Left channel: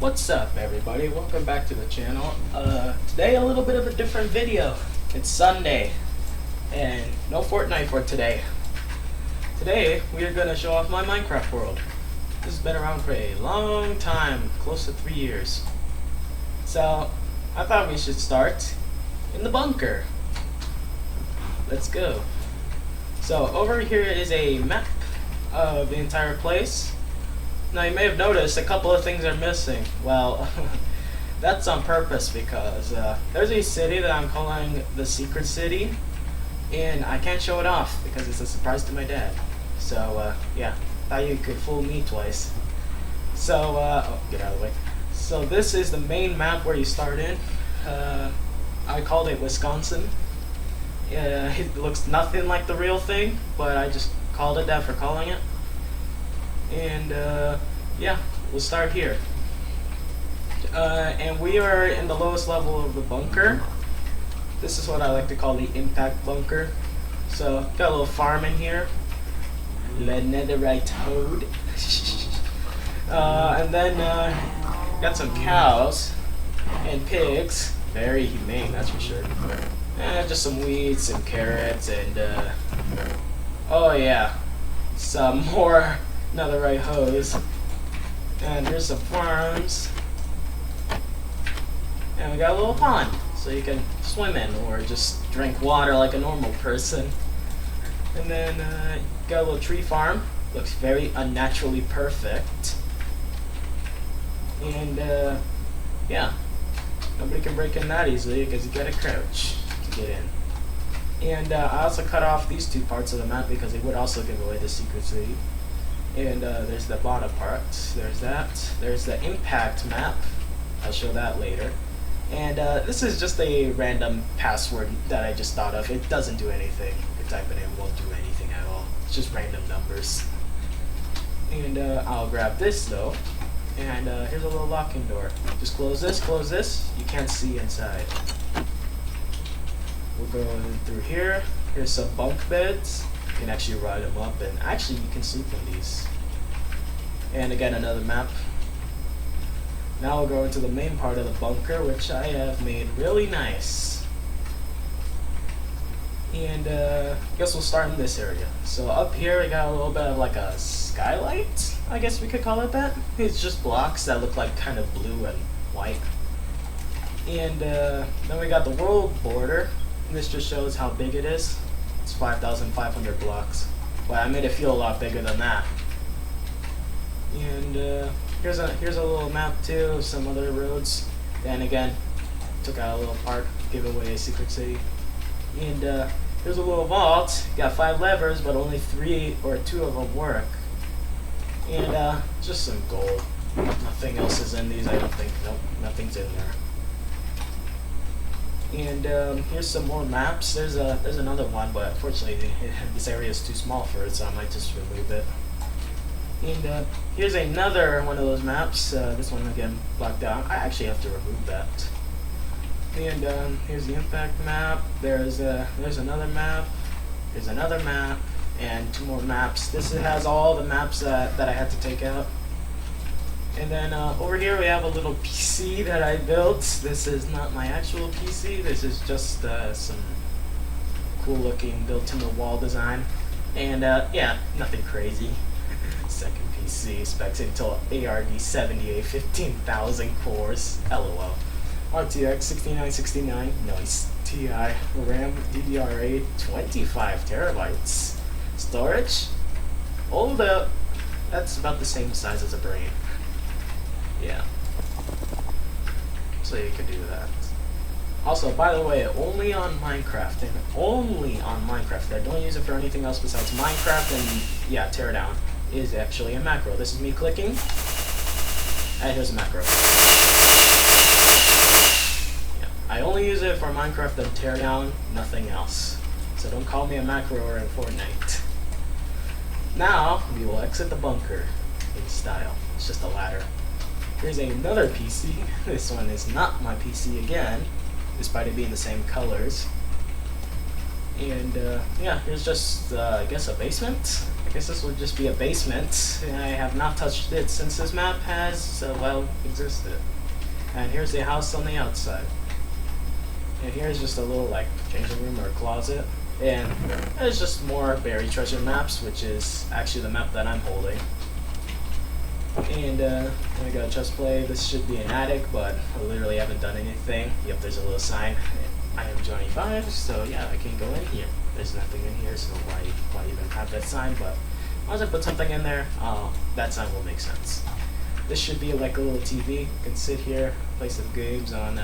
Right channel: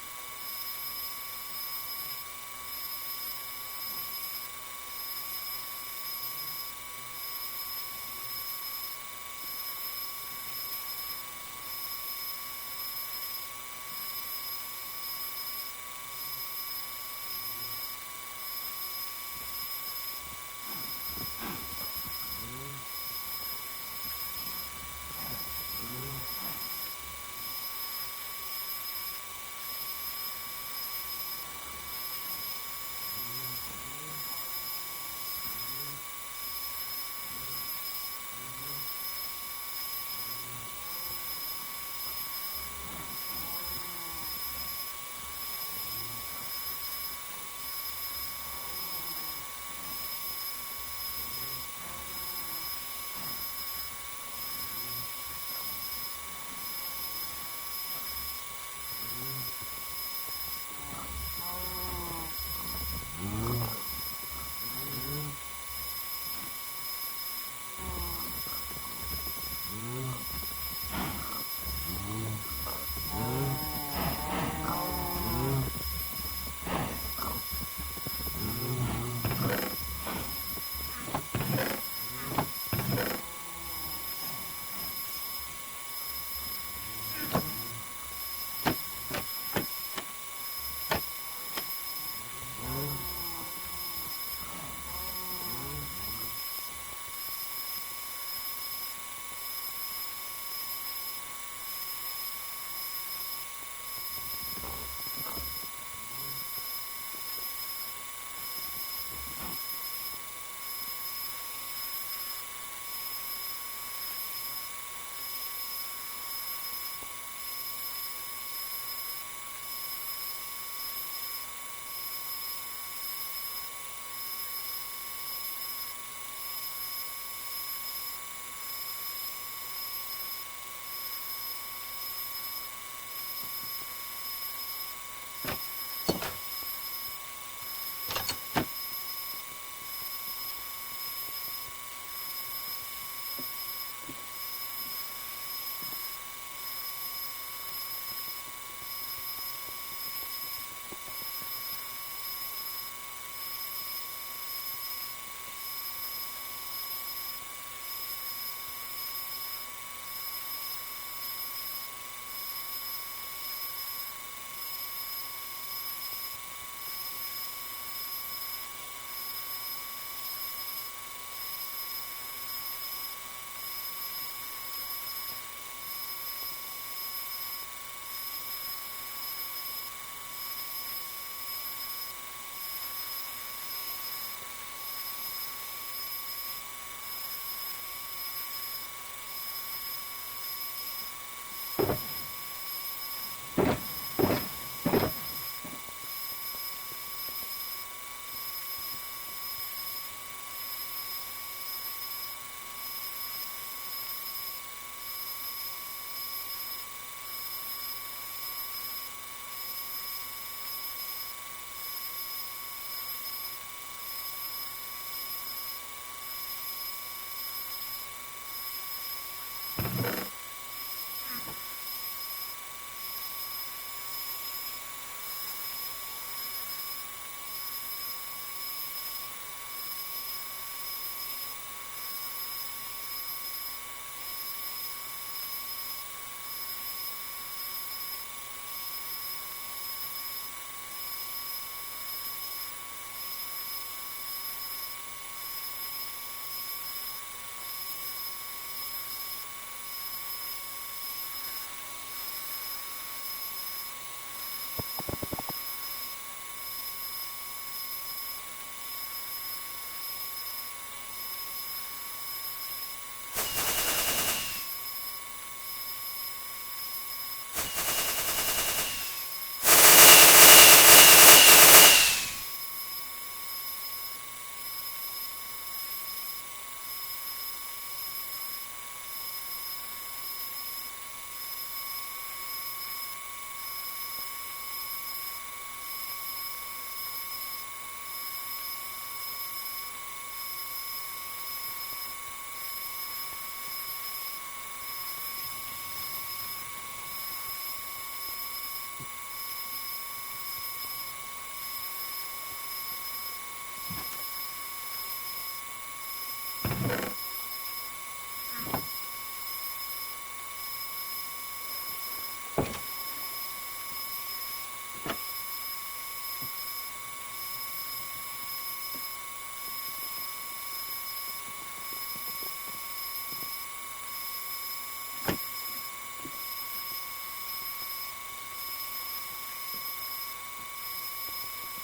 What's up, everybody? Welcome back to the channel. Today a little bit of a different video. It's Sunday and no Fortnite for today. Today we are gonna show off my Minecraft world. This has been around for a long time, close to 3 years. So I thought we should start in the bunker. Let's go. So over here is a map of the entire place. Now you may have noticed a couple of things are missing. Well, that's on purpose because there's a city that I'm calling the Secret City, and I can't show it off because it's a surprise to my dad. So yeah, thought you could fool me twice. So oh, get out of the way. So this is the main map where you start in. I called it Wisconsin. It looks nothing like the real thing, but I just called it that for calling it. And yeah, we'll start here. And we are in the lowest level of the bunker. This is what I like to call the impact bunker. So got a little farm in here. Lead netherite toad. And then got some cows and pigs. Very humane, that's for sure. And just some weeds, some carrots, and oh yeah, some more netherite hose. And here's some farms. And we got a little pond, so you can swim in or just drink water like a normal person. And then got a little tree farm. Looks very unnaturally perfect. And yeah, nobody can break in that easily because you gotta crouch to get in. And I also cut off these two parts of the map because they would also give away the secret city. And there's the bottom part. There's that. There's the impact map. I'll show that later. And this is just a random password that I just thought of. It doesn't do anything. You type it in, it won't do anything at all. It's just random numbers. And I'll grab this though. And here's a little locking door. Just close this, close this. You can't see inside. We'll go through here. Here's some bunk beds. You can actually ride them up, and actually you can sleep in these. And again, another map. Now we'll go into the main part of the bunker, which I have made really nice. And I guess we'll start in this area. So up here we got a little bit of like a skylight, I guess we could call it that. It's just blocks that look like kind of blue and white. And then we got the world border. This just shows how big it is. 5,500 blocks. But I made it feel a lot bigger than that. And here's a little map too, some other roads. And again, took out a little part, give away a secret city. And here's a little vault. Got 5 levers, but only 3 or 2 of them work. And just some gold. Nothing else is in these, I don't think. Nope, nothing's in there. And here's some more maps. There's another one, but unfortunately this area is too small for it, so I might just remove it. And here's another one of those maps. This one again blocked out. I actually have to remove that. And here's the impact map. There's another map. There's another map, and 2 more maps. This has all the maps that I had to take out. And then over here we have a little PC that I built. This is not my actual PC. This is just some cool looking built-in-the-wall design. And yeah, nothing crazy. Second PC, specs Intel ARD78, 15,000 cores, LOL. RTX 6969, nice. TI, RAM, DDR8, 25 terabytes. Storage, hold up. That's about the same size as a brain. Yeah. So you can do that. Also, by the way, only on Minecraft, and only on Minecraft. I don't use it for anything else besides Minecraft and, yeah, teardown is actually a macro. This is me clicking. And here's a macro. Yeah. I only use it for Minecraft and teardown, nothing else. So don't call me a macro or in Fortnite. Now, we will exit the bunker in style. It's just a ladder. Here's another PC. This one is not my PC again, despite it being the same colors. And yeah, here's just, I guess, a basement. I guess this would just be a basement. I have not touched it since this map has, well, existed. And here's the house on the outside. And here's just a little, like, changing room or closet. And there's just more buried treasure maps, which is actually the map that I'm holding. And, I got a chest play. This should be an attic, but I literally haven't done anything. Yep, there's a little sign. I am Johnny 5, so yeah, I can go in here. There's nothing in here, so why even have that sign? But once I put something in there, that sign will make sense. This should be like a little TV. You can sit here, play some games on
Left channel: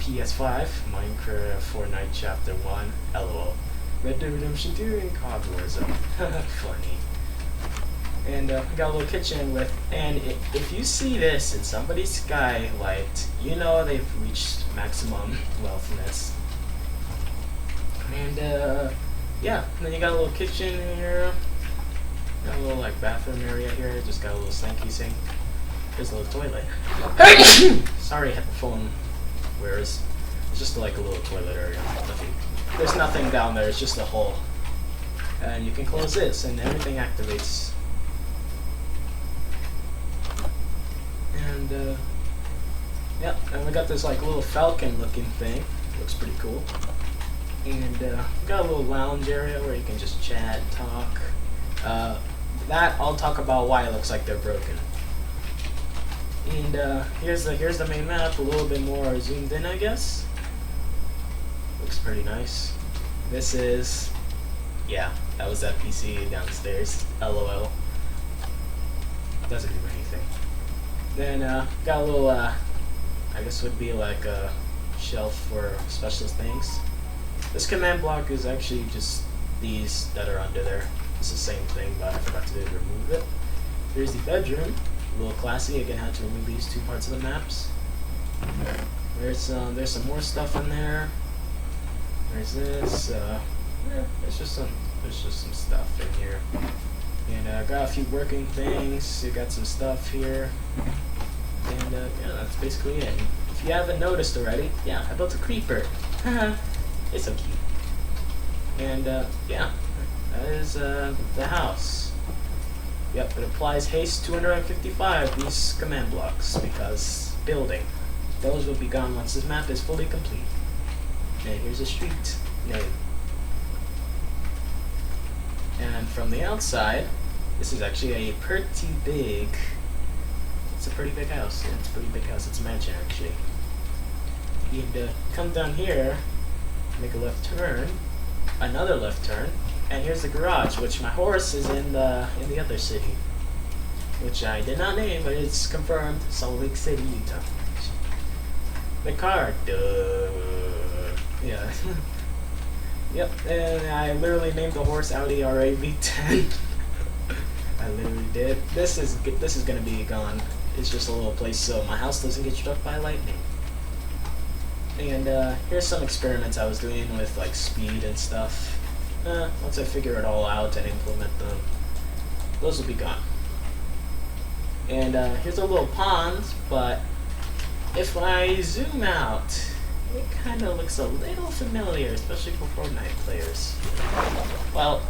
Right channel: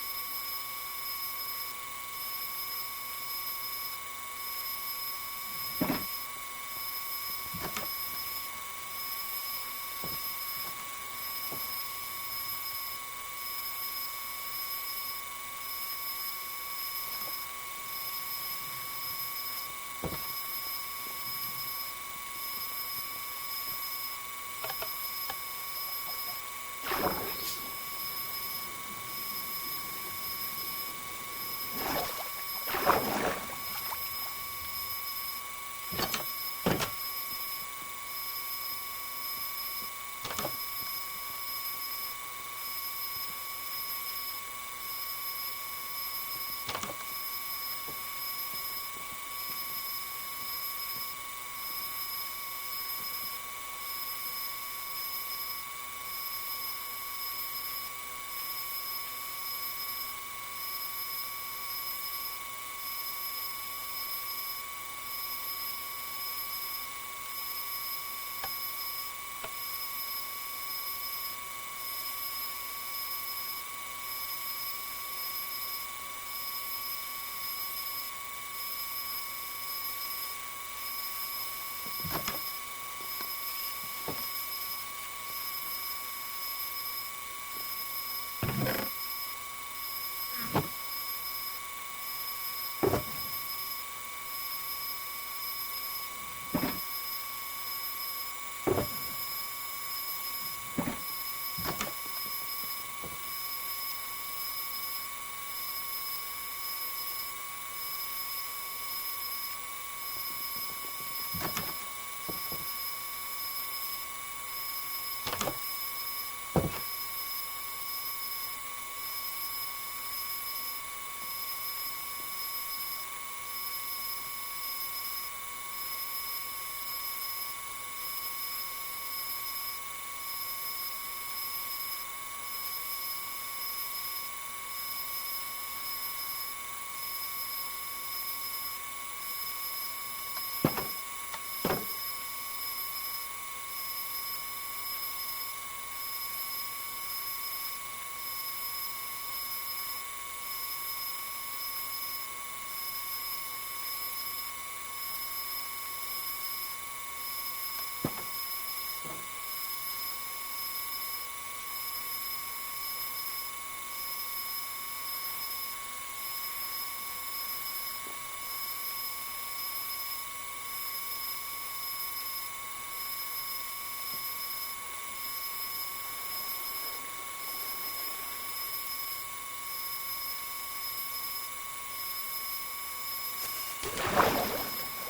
PS5, Minecraft, Fortnite Chapter 1, LOL. Red Dead Redemption 2 and COD Warzone. Funny. And I got a little kitchen with, and if you see this in somebody's skylight, you know they've reached maximum wealthiness. And yeah, and then you got a little kitchen here, got a little like bathroom area here, just got a little sinky sink, there's a little toilet. Sorry, headphone wears. It's just like a little toilet area. There's nothing down there, it's just a hole. And you can close this and everything activates. And yeah, and we got this like little falcon looking thing. Looks pretty cool. And got a little lounge area where you can just chat and talk. That I'll talk about why it looks like they're broken. And here's the main map, a little bit more zoomed in, I guess. Looks pretty nice. This is, yeah, that was that PC downstairs. LOL. Doesn't do anything. Then got a little, I guess would be like a shelf for special things. This command block is actually just these that are under there. It's the same thing, but I forgot to remove it. Here's the bedroom. A little classy. Again, I had to remove these two parts of the maps. There's some more stuff in there. There's this. Yeah, there's just some stuff in here. And I got a few working things. You got some stuff here. And yeah, that's basically it. If you haven't noticed already, yeah, I built a creeper. It's so cute. And yeah, that is the house. Yep, it applies haste 255, these command blocks, because building. Those will be gone once this map is fully complete. And here's a street. Yay. And from the outside, this is actually a pretty big, it's a pretty big house. Yeah, it's a pretty big house. It's a mansion, actually. And come down here, make a left turn, another left turn, and here's the garage, which my horse is in the other city, which I did not name, but it's confirmed, Salt Lake City, Utah. The car, duh. Yeah. Yep, and I literally named the horse Audi R8 V10. I literally did. This is gonna be gone. It's just a little place so my house doesn't get struck by lightning. And here's some experiments I was doing with like speed and stuff. Once I figure it all out and implement them, those will be gone. And here's a little pond, but if I zoom out, it kind of looks a little familiar, especially for Fortnite players. Well,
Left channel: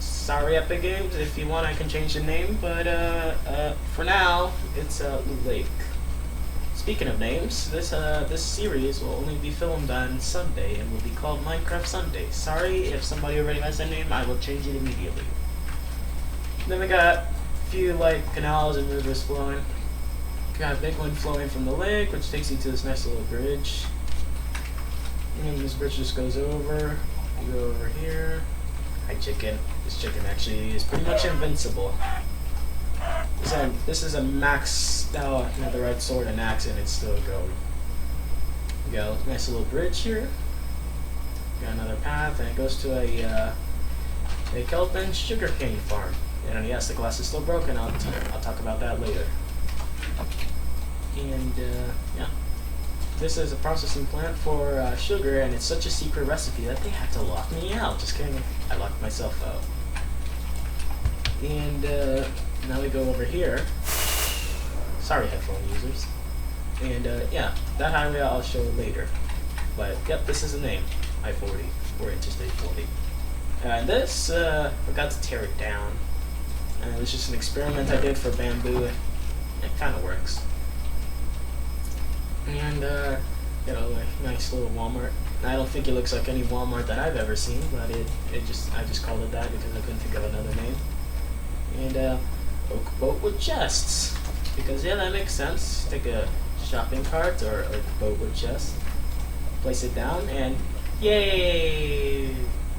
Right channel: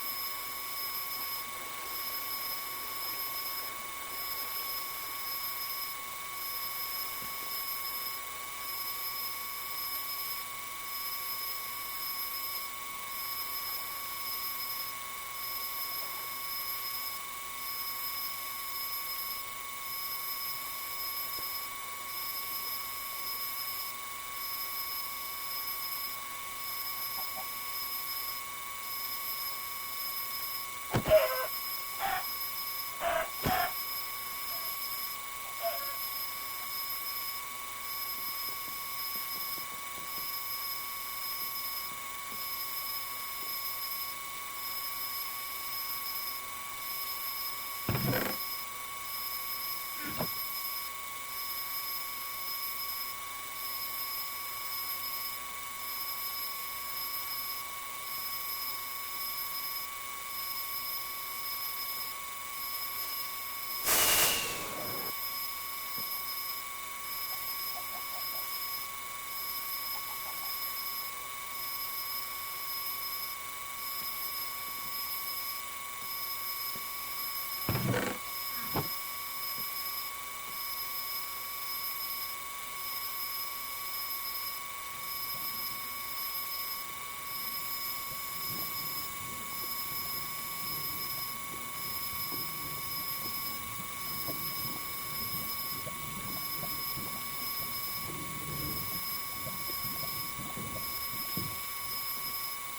sorry Epic Games, if you want I can change the name, but for now, it's Lake. Speaking of names, this series will only be filmed on Sunday and will be called Minecraft Sunday. Sorry if somebody already has that name, I will change it immediately. Then we got a few like canals and rivers flowing. Got a big one flowing from the lake, which takes you to this nice little bridge. And this bridge just goes over. You go over here. Hi chicken. This chicken actually is pretty much invincible. So this is a max, the red sword and axe, and it's still going. You got a nice little bridge here. Got another path, and it goes to a kelp and sugarcane farm. And yes, the glass is still broken. I'll talk about that later. And yeah, this is a processing plant for sugar, and it's such a secret recipe that they had to lock me out. Just kidding, I locked myself out. And now we go over here. Sorry, headphone users. And yeah, that highway I'll show later. But yep, this is the name, I-40, or Interstate 40. This, forgot to tear it down. It was just an experiment I did for bamboo. It kind of works. And, got a nice little Walmart. I don't think it looks like any Walmart that I've ever seen, but I just called it that because I couldn't think of another name. And, oak boat with chests. Because, yeah, that makes sense. Take a shopping cart or a boat with chests. Place it down, and yay!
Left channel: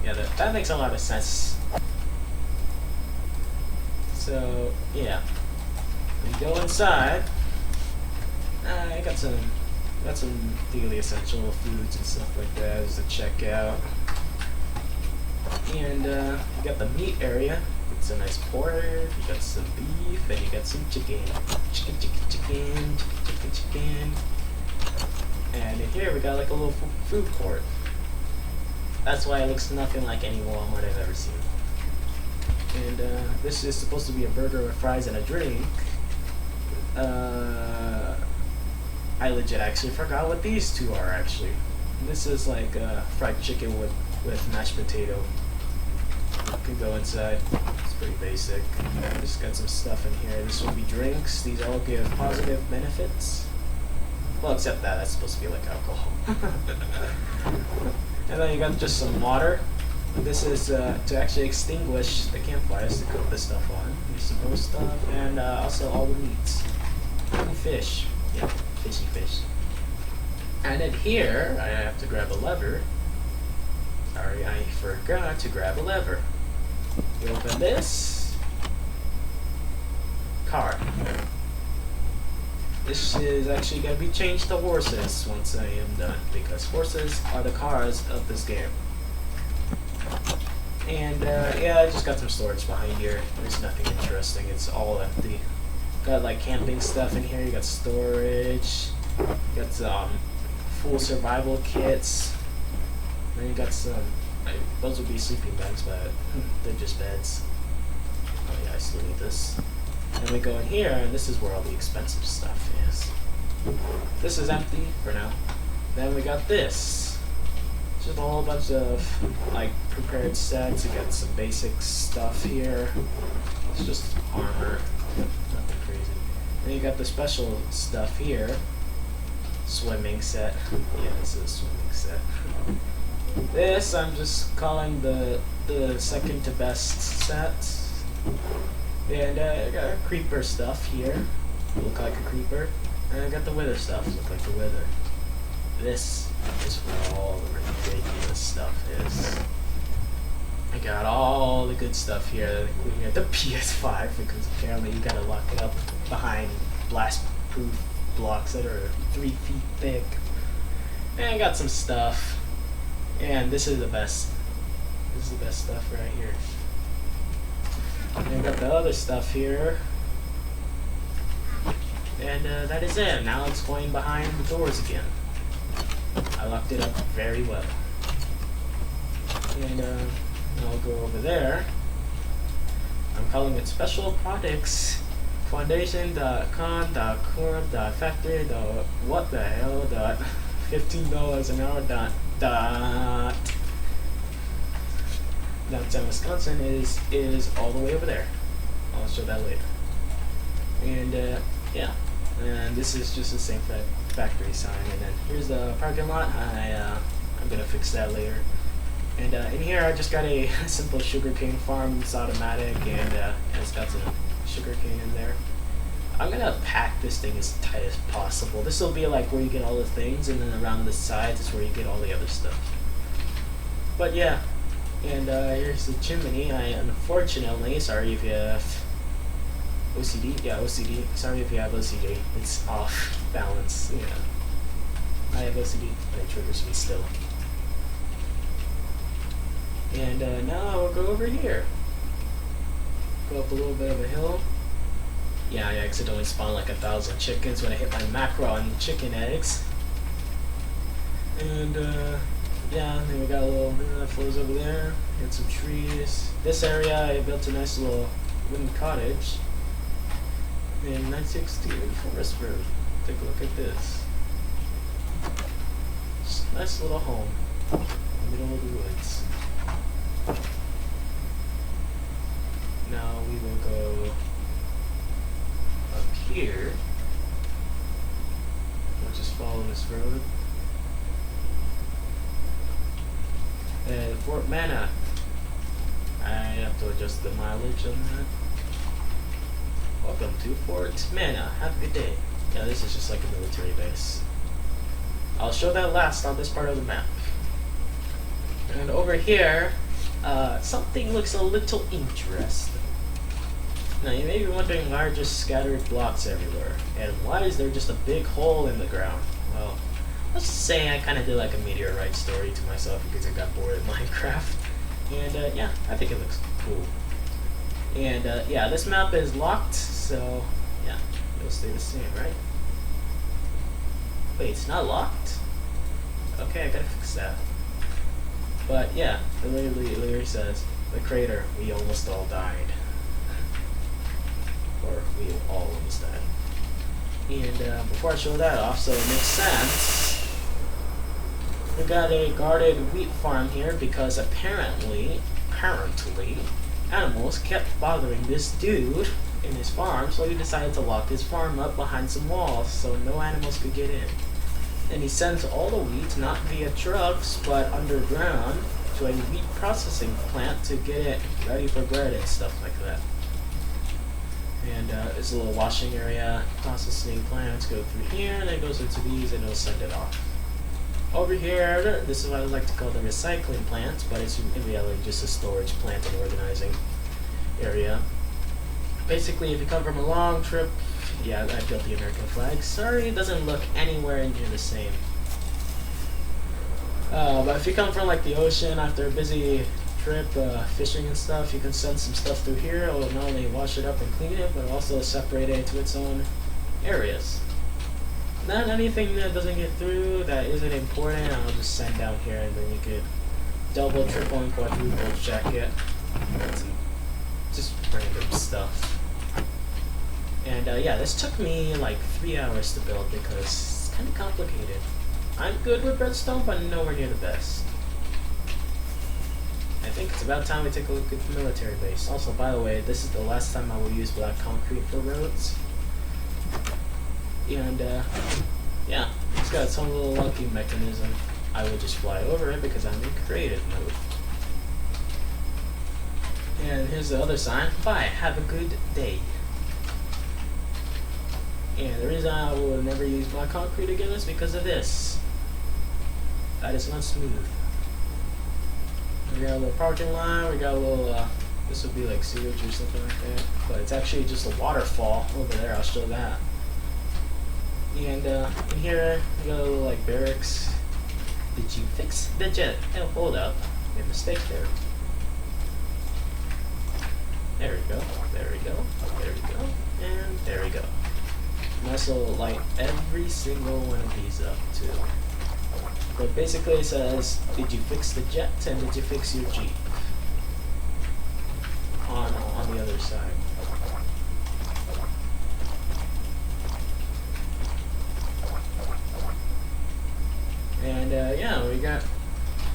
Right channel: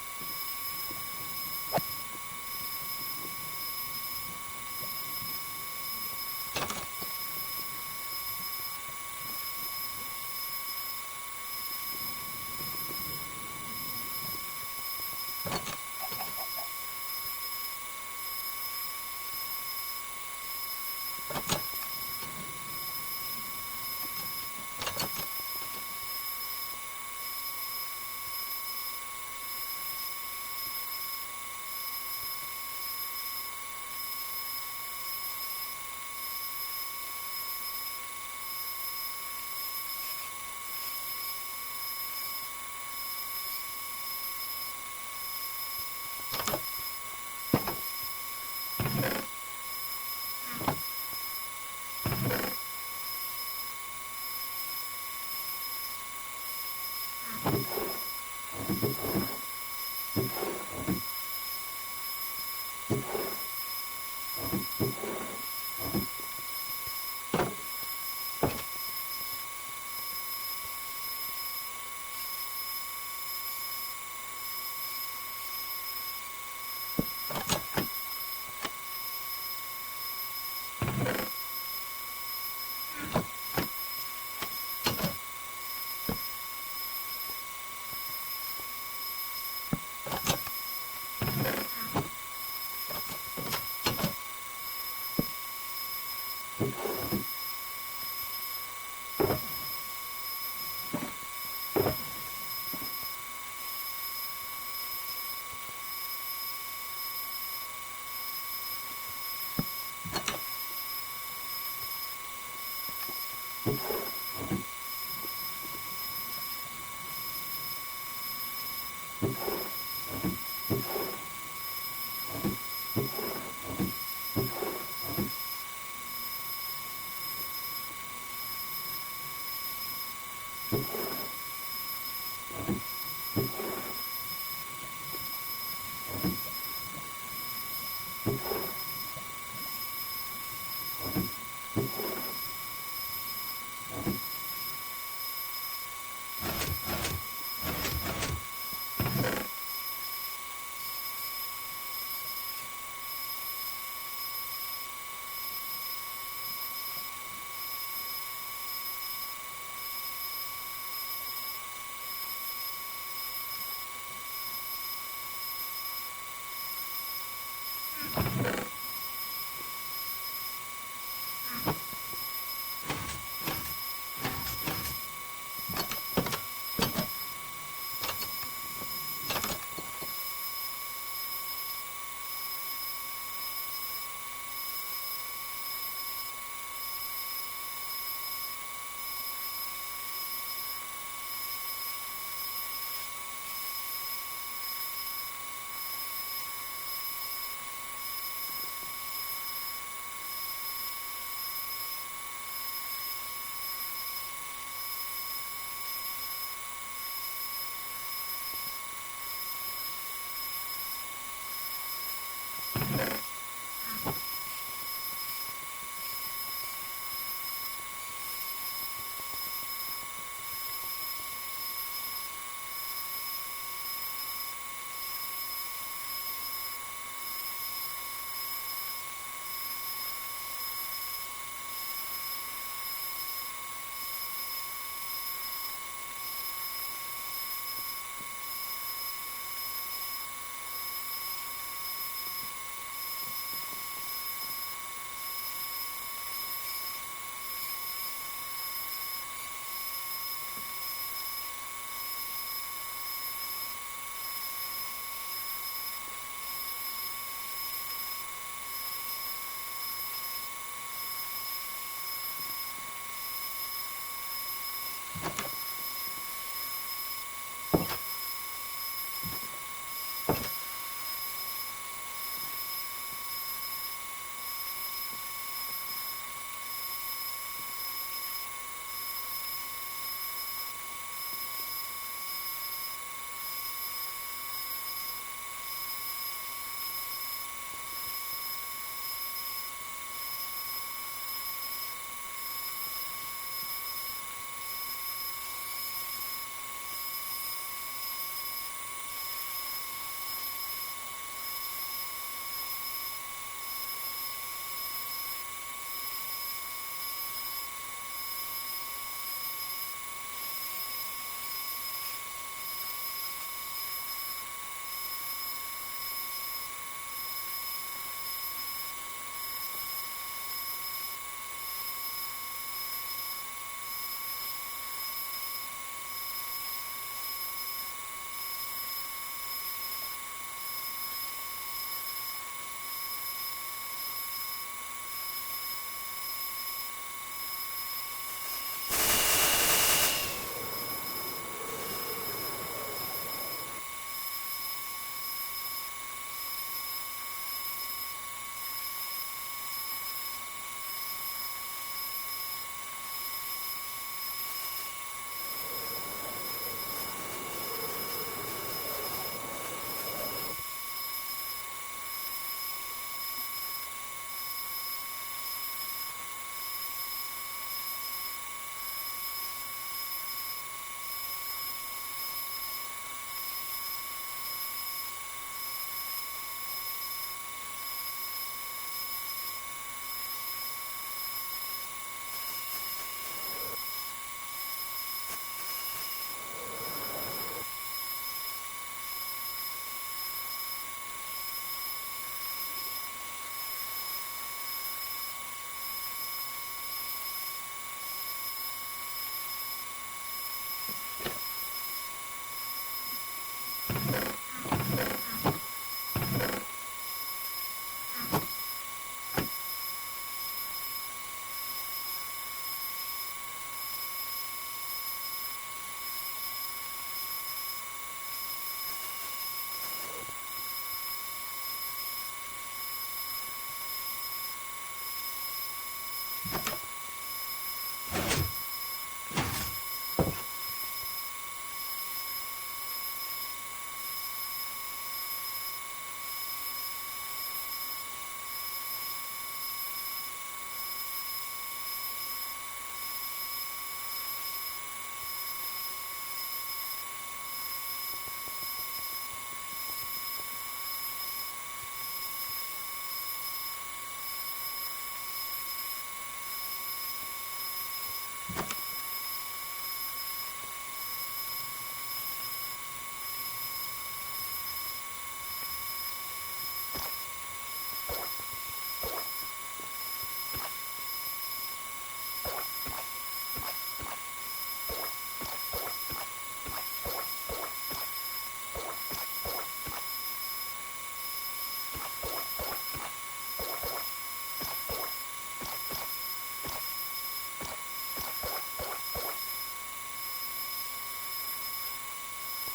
Yeah, that makes a lot of sense. So, yeah. We go inside. I got some daily essential foods and stuff like that as a checkout. And you got the meat area. It's a nice pork. You got some beef, and you got some chicken. Chicken. And in here we got like a little food court. That's why it looks nothing like any Walmart I've ever seen. And this is supposed to be a burger with fries and a drink. I legit actually forgot what these two are actually. This is like fried chicken with mashed potato. You can go inside. It's pretty basic. Just got some stuff in here. This will be drinks. These all give positive benefits. Well, except that's supposed to be like alcohol. And then you got just some water. This is to actually extinguish the campfires to put this stuff on. Some stuff, and also all the meats. And fish. Yeah, fishy fish. And then here, I have to grab a lever. Sorry, I forgot to grab a lever. We open this. Car. This is actually going to be changed to horses once I am done, because horses are the cars of this game. And yeah, I just got some storage behind here. There's nothing interesting, it's all empty. Got like camping stuff in here, you got storage, you got some full survival kits, then you got some, those would be sleeping bags, but they're just beds. Oh yeah, I still need this. And we go in here, and this is where all the expensive stuff is. This is empty for now. Then we got this. Just a whole bunch of like prepared sets. You got some basic stuff here. It's just armor. Nothing crazy. Then you got the special stuff here. Swimming set. Yeah, this is a swimming set. This I'm just calling the second to best set. And I got creeper stuff here. Look like a creeper. And I got the wither stuff. Look like the wither. This is where all the ridiculous stuff is. I got all the good stuff here. We got the PS5 because apparently you gotta lock it up behind blast-proof blocks that are 3 feet thick. And I got some stuff. And this is the best. This is the best stuff right here. And I got the other stuff here. And that is it. Now it's going behind the doors again. I locked it up very well. And I'll go over there. I'm calling it Special Products Foundation.com.core.factory. What the hell? $15 an hour. Downtown Wisconsin is all the way over there. I'll show that later. And yeah, and this is just the same factory sign. And then here's the parking lot. I'm gonna fix that later. And in here I just got a simple sugarcane farm. It's automatic, and it's got some sugarcane in there. I'm gonna pack this thing as tight as possible. This will be like where you get all the things, and then around the sides is where you get all the other stuff. But yeah. And here's the chimney. Unfortunately, sorry if you have OCD. Yeah, OCD. Sorry if you have OCD. It's off balance. Yeah. I have OCD. It triggers me still. And now we'll go over here. Go up a little bit of a hill. Yeah, I accidentally spawned like 1,000 chickens when I hit my macro on chicken eggs. And yeah, and we got a little floors over there. Got some trees. This area I built a nice little wooden cottage in 960 Forest Road. Take a look at this. Just a nice little home in the middle of the woods. Road. And Fort Mana. I have to adjust the mileage on that. Welcome to Fort Mana. Have a good day. Yeah, this is just like a military base. I'll show that last on this part of the map. And over here, something looks a little interesting. Now you may be wondering why are just scattered blocks everywhere, and why is there just a big hole in the ground? Well, let's just say I kind of did like a meteorite story to myself because I got bored of Minecraft. And yeah, I think it looks cool. And yeah, this map is locked, so yeah, it'll stay the same, right? Wait, it's not locked? Okay, I gotta fix that. But yeah, it literally says, the crater, we almost all died. Or we all almost died. And before I show that off, so it makes sense, we got a guarded wheat farm here because apparently, animals kept bothering this dude in his farm, so he decided to lock his farm up behind some walls so no animals could get in. And he sends all the wheat not via trucks but underground to a wheat processing plant to get it ready for bread and stuff like that. And there's a little washing area, processing plants go through here, and it goes into these and it'll send it off. Over here, this is what I like to call the recycling plant, but it's in reality just a storage plant and organizing area. Basically, if you come from a long trip, yeah, I built the American flag. Sorry, it doesn't look anywhere near the same. But if you come from like the ocean after a busy trip, fishing and stuff, you can send some stuff through here. It'll not only wash it up and clean it, but also separate it into its own areas. Not anything that doesn't get through that isn't important, I'll just send down here, and then we could double, triple, and quadruple check it. Just random stuff. And yeah, this took me like 3 hours to build because it's kind of complicated. I'm good with redstone, but nowhere near the best. I think it's about time we take a look at the military base. Also, by the way, this is the last time I will use black concrete for roads. And yeah, it's got its own little locking mechanism. I will just fly over it because I'm in creative mode. And here's the other sign. Bye, have a good day. And the reason I will never use black concrete again is because of this. That is not smooth. We got a little parking lot, we got a little, this would be like sewage or something like that. But it's actually just a waterfall over there, I'll show that. And in here, we got a little like barracks. Did you fix the jet? Oh, hold up. Your mistake there. There we go, there we go, there we go, and there we go. And also light every single one of these up too. But basically it says, did you fix the jet and did you fix your Jeep? On the other side. And yeah,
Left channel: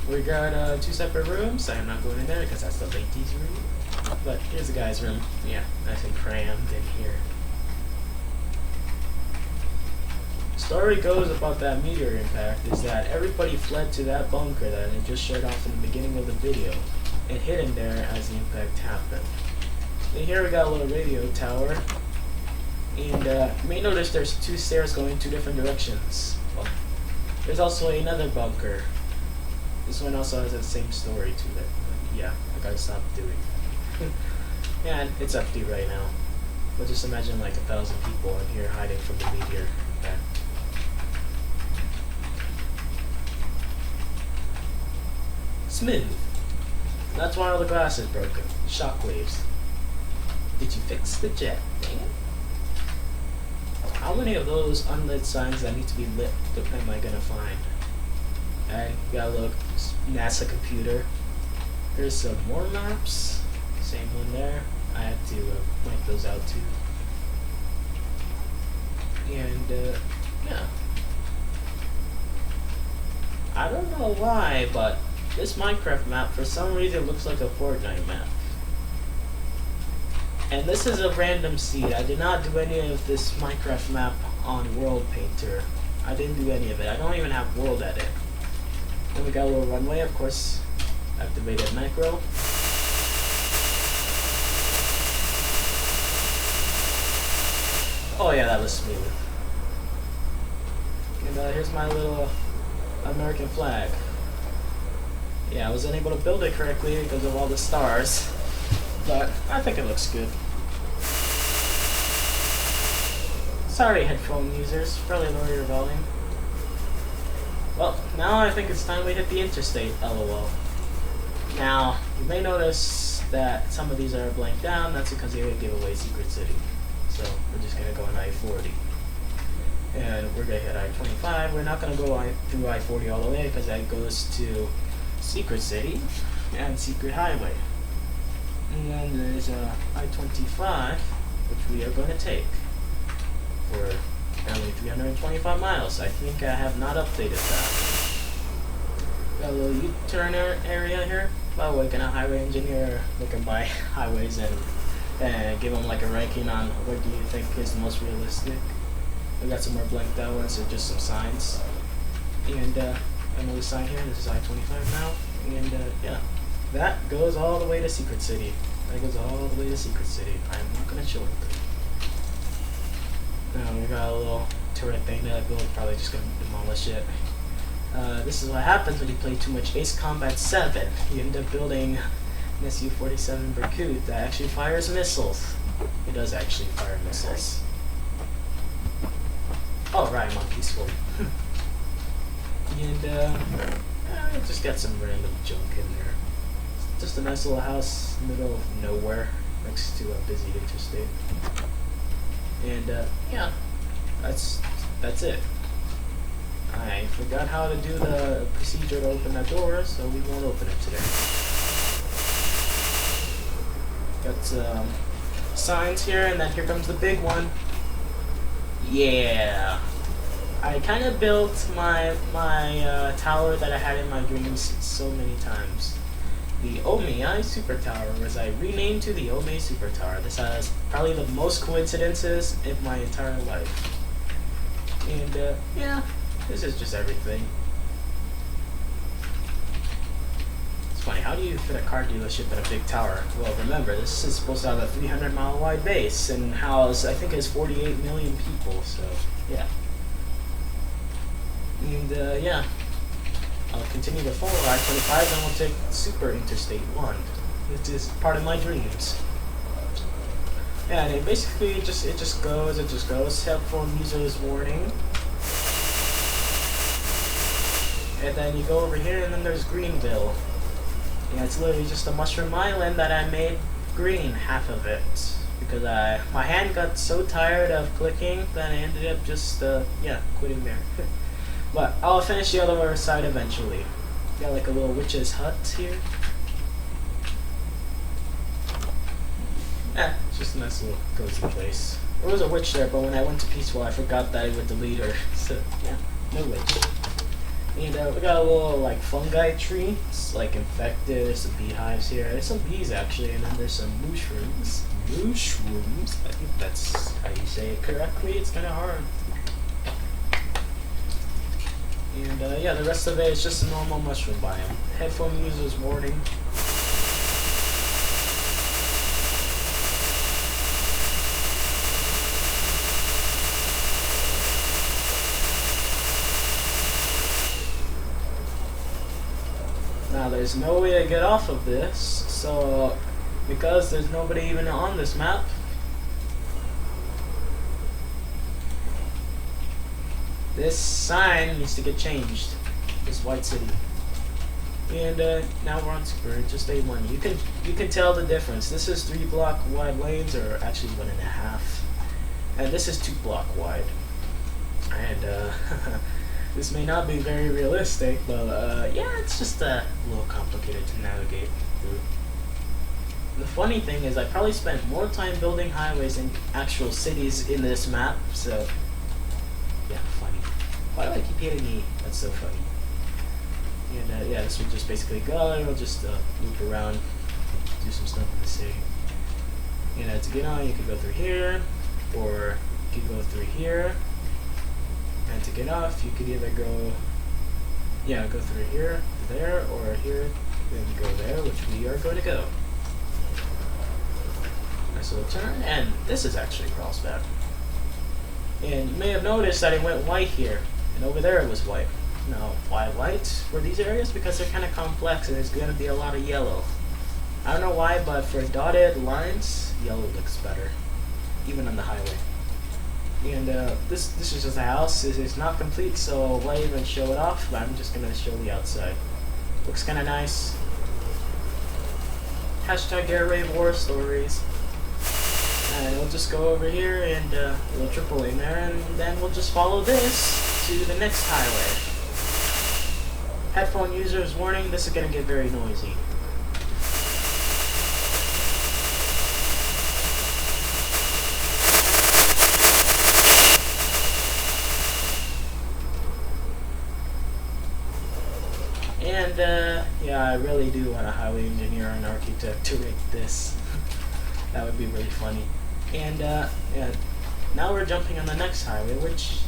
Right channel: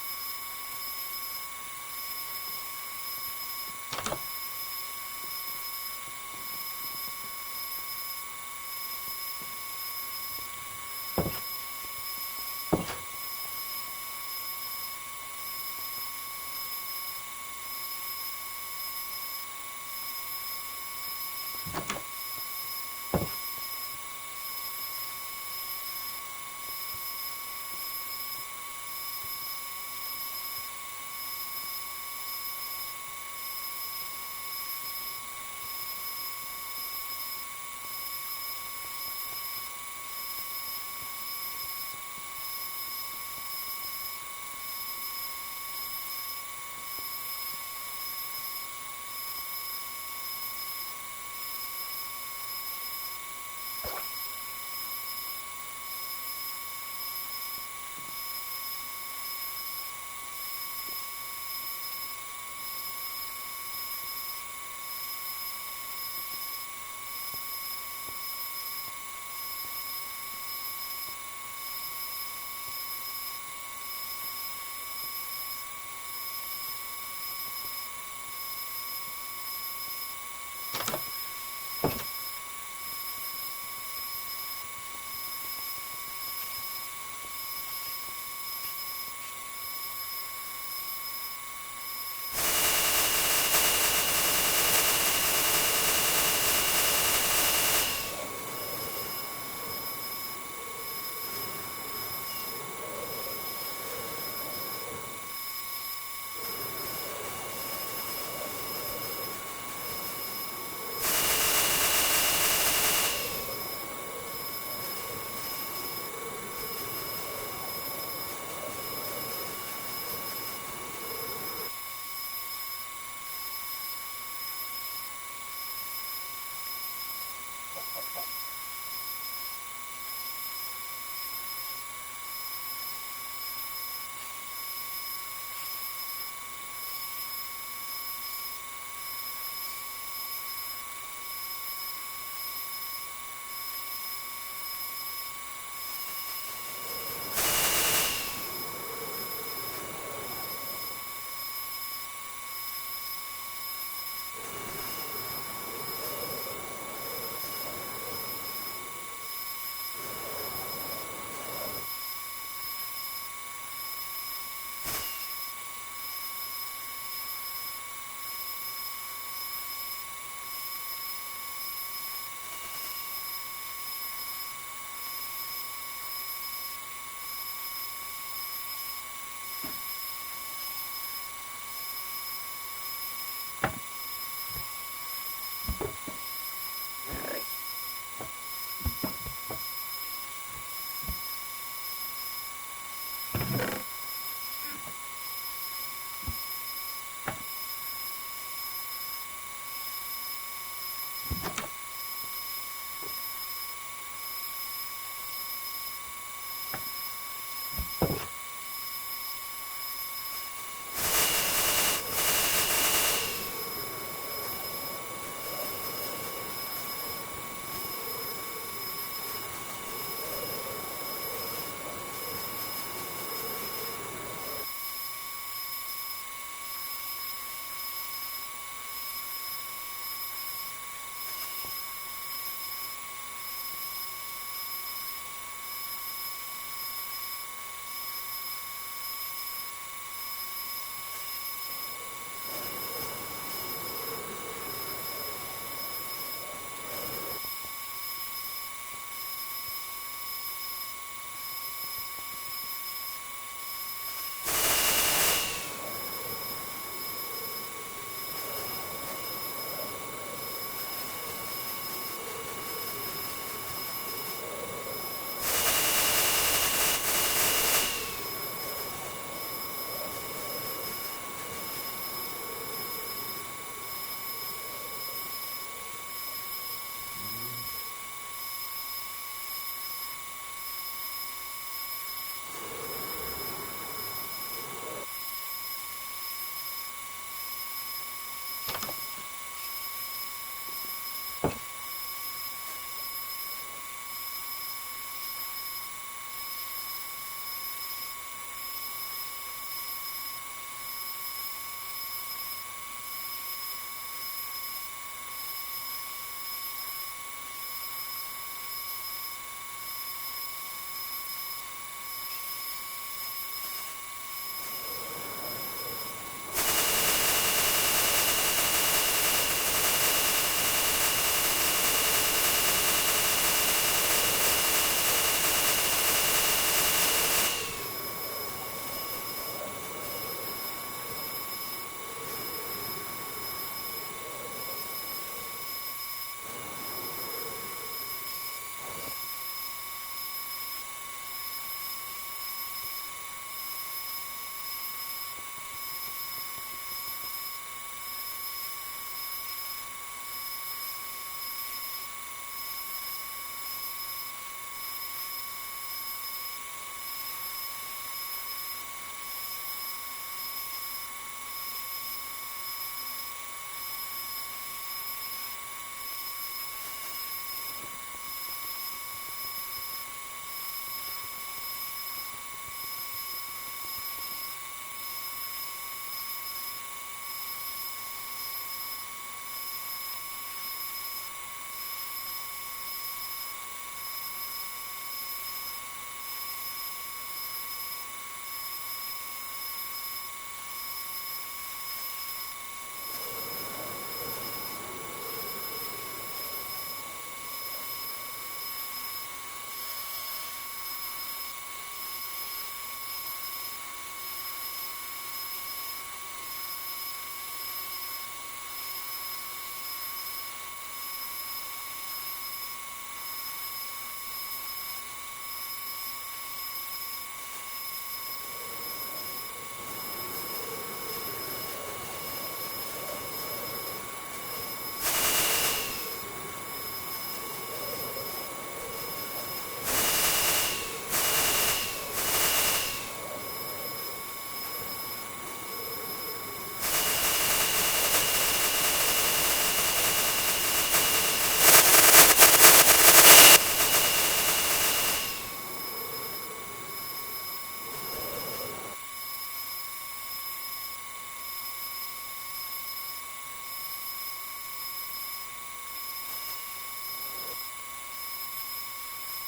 we got 2 separate rooms. I'm not going in there because that's the ladies' room. But here's the guy's room. Yeah, nice and crammed in here. The story goes about that meteor impact is that everybody fled to that bunker that I just showed off in the beginning of the video and hid in there as the impact happened. And here we got a little radio tower. And you may notice there's 2 stairs going 2 different directions. Well, there's also another bunker. This one also has that same story to it. Yeah, I gotta stop doing it. Yeah, and it's empty right now. But just imagine like 1,000 people in here hiding from the meteor. Okay. Smooth. That's why all the glass is broken. Shockwaves. Did you fix the jet? Dang it. How many of those unlit signs that need to be lit am I gonna find? I got a little NASA computer. There's some more maps. Same one there. I have to point those out too. And yeah. I don't know why, but this Minecraft map for some reason looks like a Fortnite map. And this is a random seed. I did not do any of this Minecraft map on World Painter. I didn't do any of it. I don't even have world edit. Then we got a little runway, of course. Activated macro. Oh yeah, that was smooth. And here's my little American flag. Yeah, I wasn't able to build it correctly because of all the stars, but I think it looks good. Sorry, headphone users, probably lower your volume. Well, now I think it's time we hit the interstate, lol. Now, you may notice that some of these are blanked down. That's because they would give away Secret City. So we're just going to go on I-40. And we're going to hit I-25. We're not going to go through I-40 all the way because that goes to Secret City and Secret Highway. And then there's I-25, which we are going to take for apparently 325 miles. I think I have not updated that. Got a little U-turn area here. By the way, can a highway engineer looking by highways and give them like a ranking on what do you think is the most realistic? We got some more blanked out ones, so just some signs. And another sign here, this is I-25 now. And yeah, that goes all the way to Secret City. That goes all the way to Secret City. I'm not going to show it. Now we got a little turret thing that we'll probably just going to demolish it. This is what happens when you play too much Ace Combat 7. You end up building an SU-47 Berkut that actually fires missiles. It does actually fire missiles. Oh, right, I'm on peaceful. And just got some random junk in there. Just a nice little house in the middle of nowhere next to a busy interstate. And yeah, that's it. I forgot how to do the procedure to open that door, so we won't open it today. Got signs here, and then here comes the big one. Yeah. I kind of built my tower that I had in my dreams so many times. The Omei Super Tower was I renamed to the Omei Super Tower. This has probably the most coincidences in my entire life. And yeah, this is just everything. It's funny, how do you fit a car dealership in a big tower? Well, remember, this is supposed to have a 300-mile wide base and house, I think it's 48 million people, so yeah. And yeah, I'll continue to follow I-25 and I'll take Super Interstate 1, which is part of my dreams. Yeah, and it basically it just goes. Headphone users warning. And then you go over here and then there's Greenville. And it's literally just a mushroom island that I made green, half of it. Because my hand got so tired of clicking that I ended up just, yeah, quitting there. But I'll finish the other side eventually. Got like a little witch's hut here. It's just a nice little cozy place. There was a witch there, but when I went to Peaceful, I forgot that I would delete her. So, yeah, no witch. And we got a little like fungi tree. It's like infected. There's some beehives here. There's some bees actually, and then there's some mushrooms. Mushrooms? I think that's how you say it correctly. It's kind of hard. And yeah, the rest of it is just a normal mushroom biome. Headphone users warning. Now there's no way to get off of this, so because there's nobody even on this map, this sign needs to get changed. This white city. And now we're on Super Interstate 1. You can tell the difference. This is 3 block wide lanes, or actually 1.5. And this is 2 block wide. And this may not be very realistic, but yeah, it's just a little complicated to navigate through. The funny thing is I probably spent more time building highways than actual cities in this map, so yeah, funny. Why do I keep hitting E? That's so funny. And yeah, this would just basically go, and we'll just loop around, do some stuff in the city. And to get on, you can go through here, or you can go through here. And to get off, you could either go, yeah, go through here, there, or here, then go there, which we are going to go. So we'll turn, and this is actually carlsbad. And you may have noticed that it went white here, and over there it was white. Now, why white for these areas? Because they're kind of complex, and there's going to be a lot of yellow. I don't know why, but for dotted lines, yellow looks better, even on the highway. And this is just a house. It's not complete, so why even show it off? But I'm just going to show the outside. Looks kind of nice. Hashtag Gamer-A.R.W.S stories. And we'll just go over here and we'll triple in there, and then we'll just follow this to the next highway. Headphone users warning, this is going to get very noisy. And yeah, I really do want a highway engineer and architect to rate this. That would be really funny. And yeah, now we're jumping on the next highway, which,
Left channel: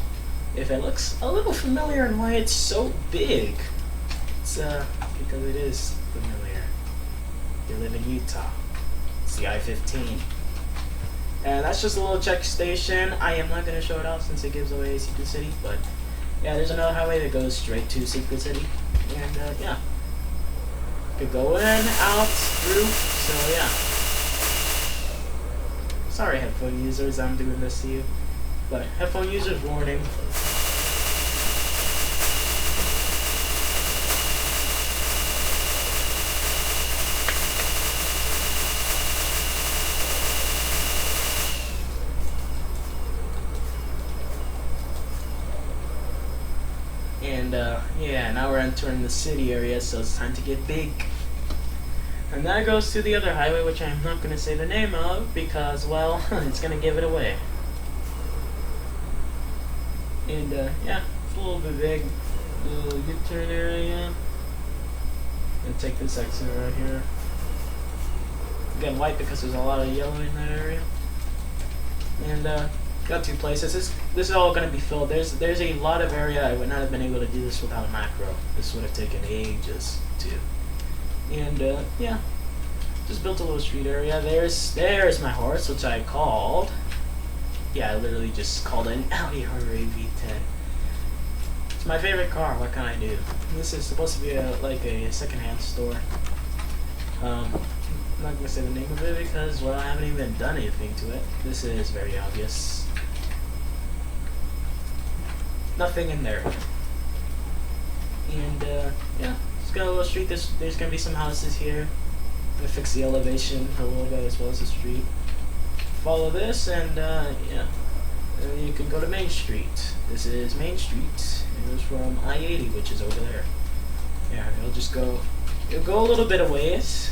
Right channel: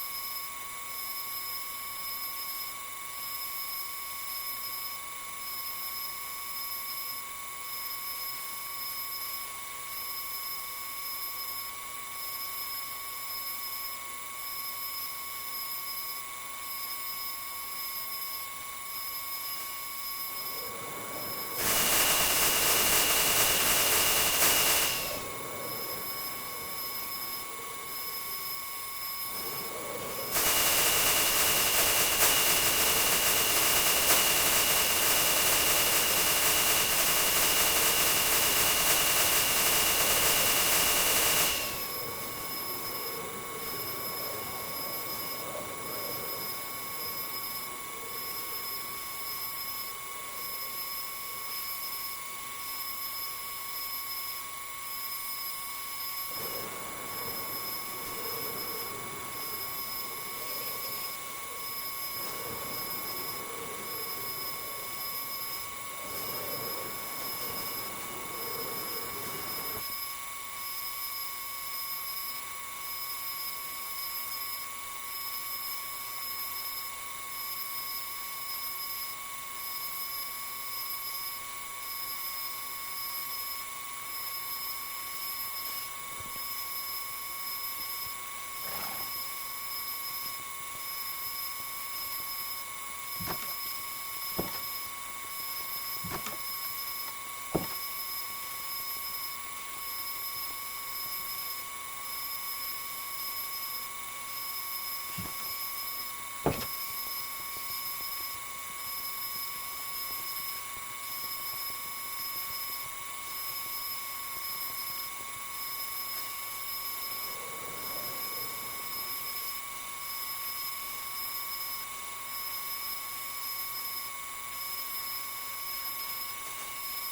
if it looks a little familiar and why it's so big, it's because it is familiar. You live in Utah. It's the I-15. And that's just a little check station. I am not going to show it off since it gives away Secret City, but yeah, there's another highway that goes straight to Secret City. And yeah, could go in, out, through, so yeah. Sorry, headphone users, I'm doing this to you. But headphone users warning. And yeah, now we're entering the city area, so it's time to get big. And that goes to the other highway, which I'm not going to say the name of, because, well, it's going to give it away. And, yeah, a little bit big. Little U-turn area. And take this exit right here. Again, white because there's a lot of yellow in that area. And, got two places. This is all going to be filled. There's a lot of area. I would not have been able to do this without a macro. This would have taken ages to. And yeah, just built a little street area. There's my horse, which I called. Yeah, I literally just called an Audi V10. It's my favorite car. What can I do? This is supposed to be like a secondhand store. I'm not gonna say the name of it because, well, I haven't even done anything to it. This is very obvious. Nothing in there. And yeah. Got a little street. There's gonna be some houses here. I'm gonna fix the elevation a little bit as well as the street. Follow this, and yeah, and you can go to Main Street. This is Main Street, and it's from I-80, which is over there. Yeah, and it'll go a little bit of ways,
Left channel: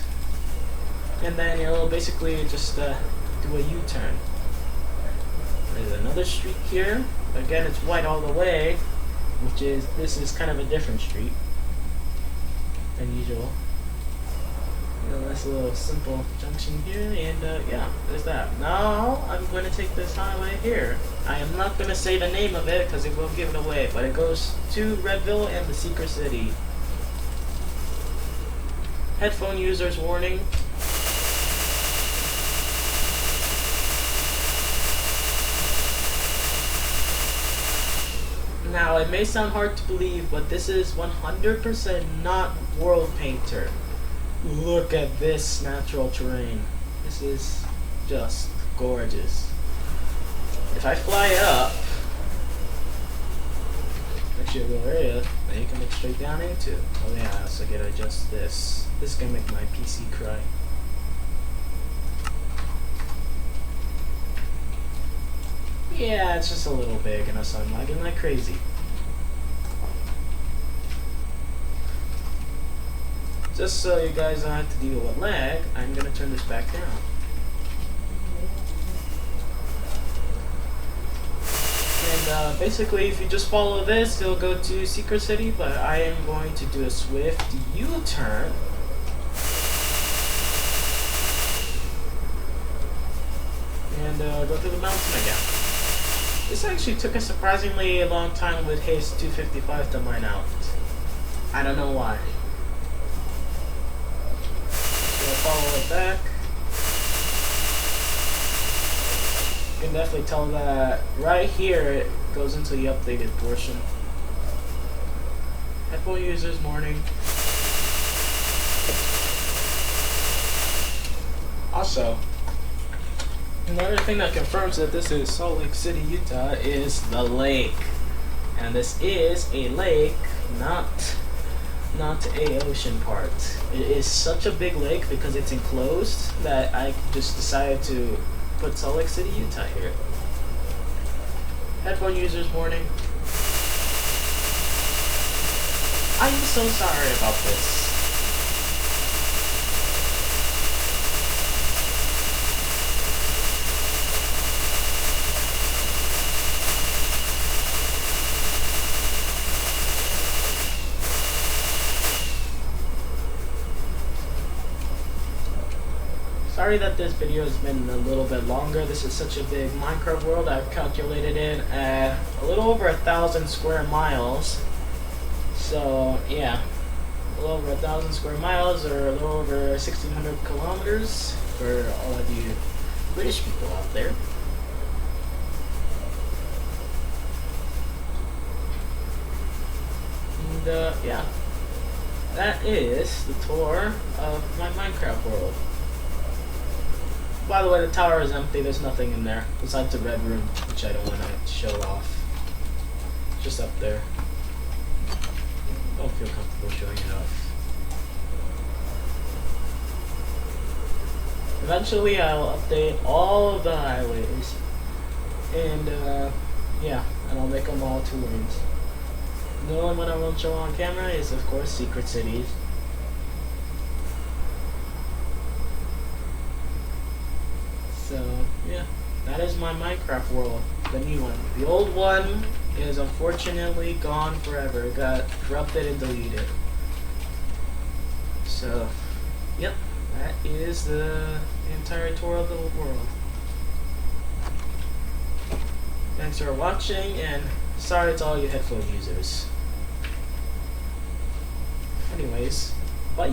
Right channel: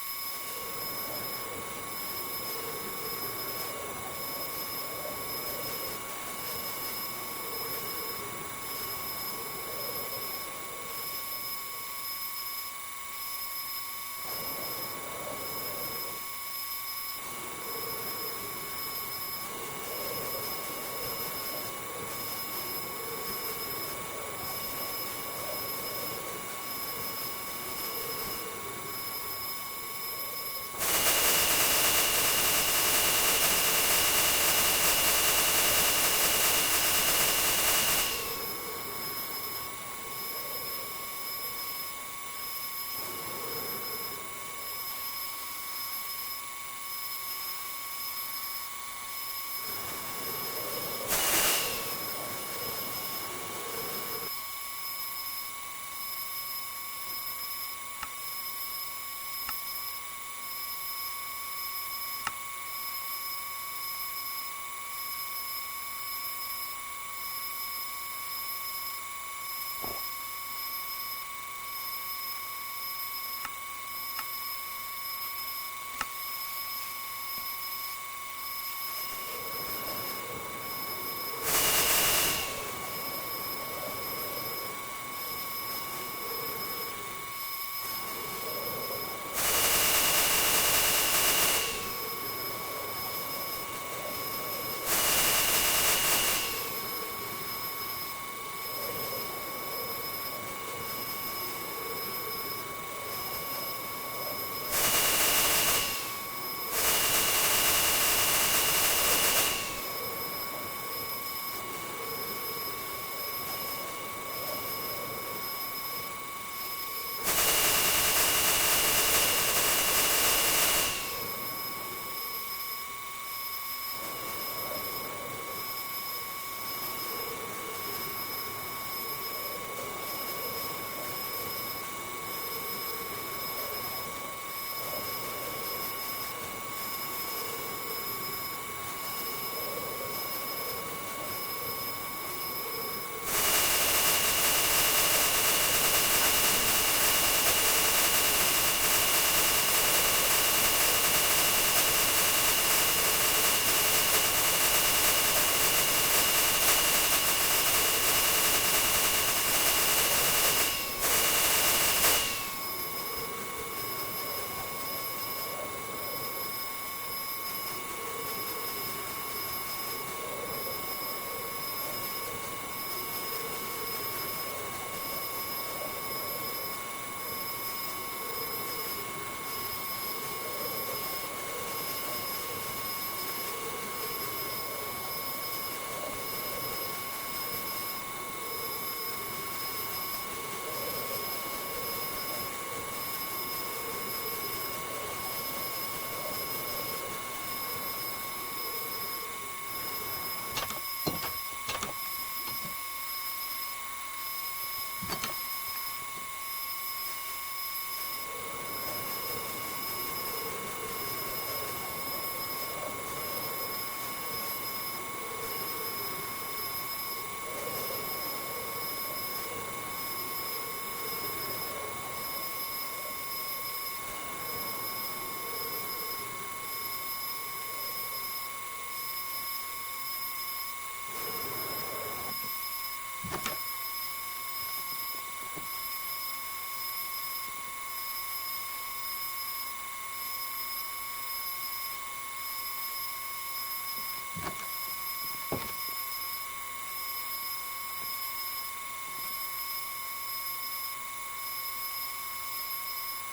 and then it'll basically just do a U-turn. There's another street here. Again, it's white all the way, this is kind of a different street than usual. That's a little simple junction here, and yeah, there's that. Now I'm going to take this highway here. I am not going to say the name of it because it will give it away, but it goes to Redville and the Secret City. Headphone users warning. Now, it may sound hard to believe, but this is 100% not World Painter. Look at this natural terrain. This is just gorgeous. If I fly up, actually a little area that you can look straight down into. Oh yeah, I also gotta adjust this. This is gonna make my PC cry. Yeah, it's just a little big and so I'm lagging like crazy. Just so you guys don't have to deal with lag, I'm going to turn this back down. And basically, if you just follow this, it'll go to Secret City, but I am going to do a swift U-turn. And go through the mountain again. This actually took a surprisingly long time with case 255 to mine out. I don't know why. We'll follow it back. You can definitely tell that right here it goes into the updated portion. Headphone users morning. Also, another thing that confirms that this is Salt Lake City, Utah is the lake. And this is a lake, not a ocean part. It is such a big lake because it's enclosed that I just decided to put Salt Lake City, Utah here. Headphone users warning. I'm so sorry about this. Sorry that this video has been a little bit longer. This is such a big Minecraft world. I've calculated it at a little over 1,000 square miles. So yeah, a little over 1,000 square miles, or a little over 1,600 kilometers for all of you British people out there. And yeah, that is the tour of my Minecraft world. By the way, the tower is empty. There's nothing in there besides the red room, which I don't want to show off. Just up there. Don't feel comfortable showing it off. Eventually, I'll update all of the highways, and yeah, and I'll make them all tours. The only one I won't show on camera is, of course, Secret Cities. So, yeah, that is my Minecraft world, the new one. The old one is unfortunately gone forever. It got corrupted and deleted. So, yep, that is the entire tour of the world. Thanks for watching, and sorry to all you headphone users. Anyways, bye!